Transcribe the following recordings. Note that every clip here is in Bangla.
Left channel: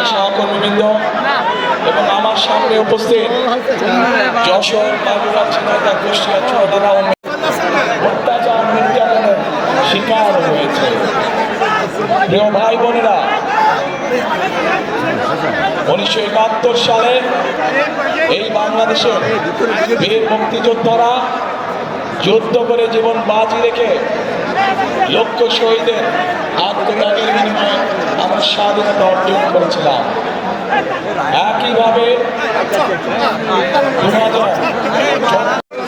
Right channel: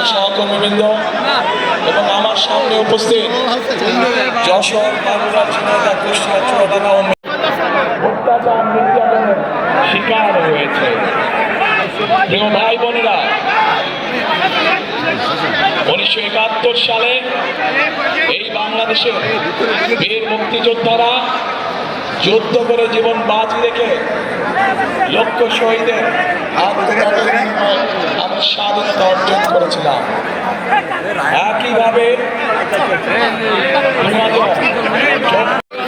প্রিয় সহকর্মীবৃন্দ এবং আমার সামনে উপস্থিত যশোর বাগুড়া ঝিনাইদহ কুষ্টিয়া চট্টগ্রাম অত্যাচার নির্যাতনের শিকার হয়েছে। প্রিয় ভাই বোনেরা, 1971 সালে এই বাংলাদেশের বীর মুক্তিযোদ্ধারা যুদ্ধ করে জীবন বাজি রেখে লক্ষ শহীদের আত্মত্যাগের বিনিময়ে আমরা স্বাধীনতা অর্জন করেছিলাম। একইভাবে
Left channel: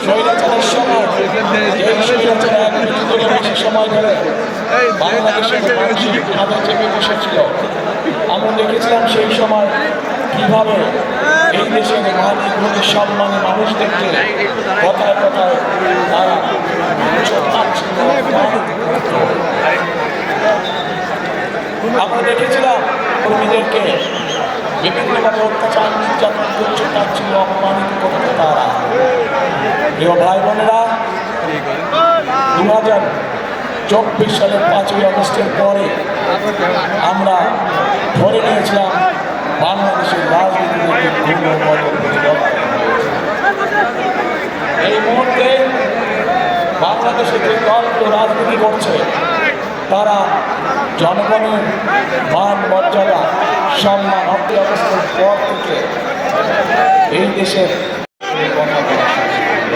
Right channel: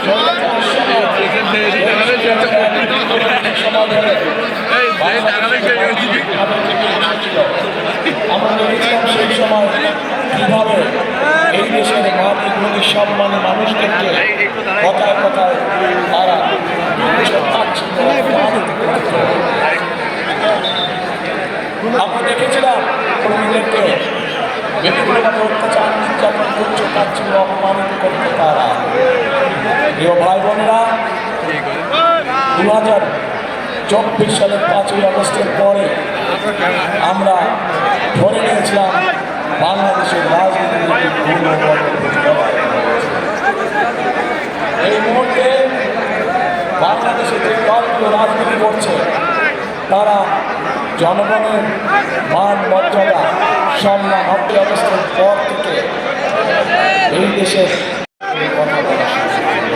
2000 সময় ধরে বাংলাদেশের চেপে বসেছিল। আমরা দেখেছিলাম সেই সময় কিভাবে এই দেশের মাতৃভূমি সম্মানী মানুষদেরকে কথায় কথায় তারা আমরা দেখেছিলাম কর্মীদেরকে বিভিন্নভাবে অত্যাচার নির্যাতন করছে, তার ছিল অপমানিত করতে তারা। প্রিয় ভাই বোনেরা, 2024 সালের 5ই আগস্টের পরে আমরা ধরে নিয়েছিলাম বাংলাদেশের রাজনীতির একটি গুণগত পরিবর্তন। এই মুহূর্তে বাংলাদেশে যে দলগুলো রাজনীতি করছে তারা জনগণের মান মর্যাদা সম্মান 9ই আগস্টের পর থেকে এই দেশের কথা বলা শুরু করল।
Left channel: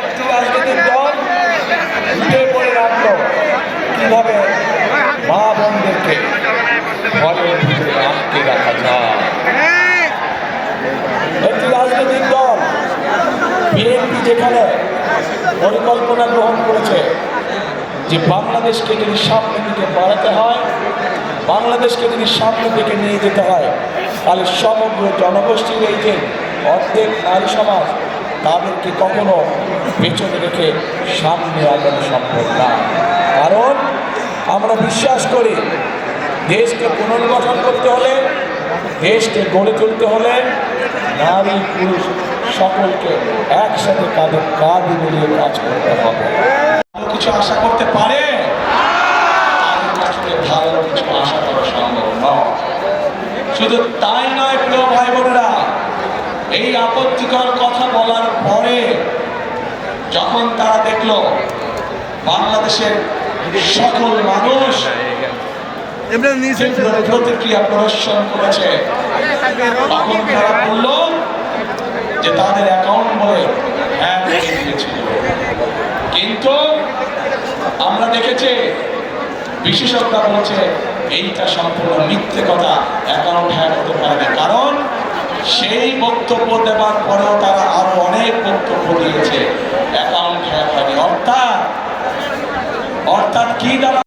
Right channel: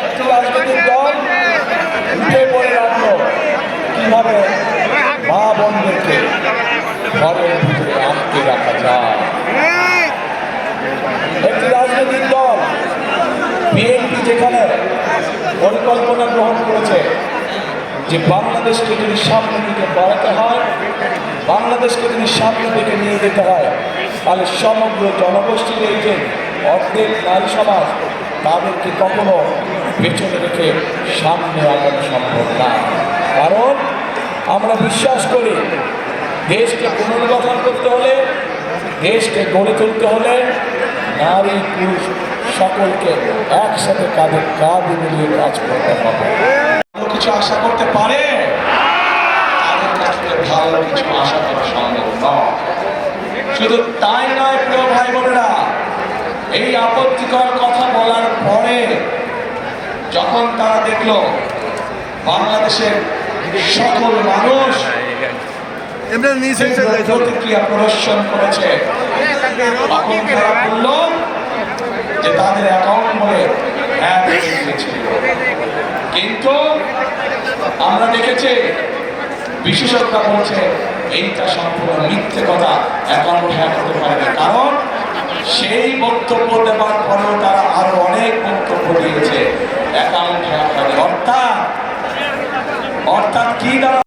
একটি রাজনৈতিক দল উঠে পড়ে রাখলো কিভাবে মা বোনদেরকে ঘরের ভিতরে আটকে রাখা যায়। একটি রাজনৈতিক দল বিএনপি যেখানে পরিকল্পনা গ্রহণ করেছে যে বাংলাদেশকে যদি সামনের দিকে বাড়াতে হয়, বাংলাদেশকে যদি সামনের দিকে নিয়ে যেতে হয়, তাহলে সমগ্র জনগোষ্ঠীর এই যে অর্ধেক নারী সমাজ তাদেরকে কখনো পেছনে রেখে সামনে আগানো সম্ভব না। কারণ আমরা বিশ্বাস করি দেশকে পুনর্গঠন করতে হলে, দেশকে গড়ে তুলতে হলে নারী পুরুষ সকলকে একসাথে কাঁধে কাঁধ মিলিয়ে কাজ করতে হবে। কিছু আশা করতে পারে, ভালো কিছু আশা করা সম্ভব নয়। শুধু তাই নয়, প্রিয় ভাই বোনেরা, এই আপত্তিকর কথা বলার পরে যখন তারা দেখলো বাংলাদেশের সকল মানুষ প্রতিক্রিয়া প্রদর্শন করেছে, তখন তারা বলল যে তাদের অ্যাকাউন্ট বলে হ্যাক হয়ে গিয়েছিল। কিন্তু আমরা দেখেছি বিশেষজ্ঞরা বলছে এইটা সম্পূর্ণ মিথ্যে কথা, অ্যাকাউন্ট হ্যাক হতে পারে না। কারণ সেই বক্তব্য দেওয়ার পরেও তারা আরো অনেক বক্তব্য দিয়েছে অ্যাকাউন্ট হ্যাক হয়নি। অর্থাৎ কি দ্বারা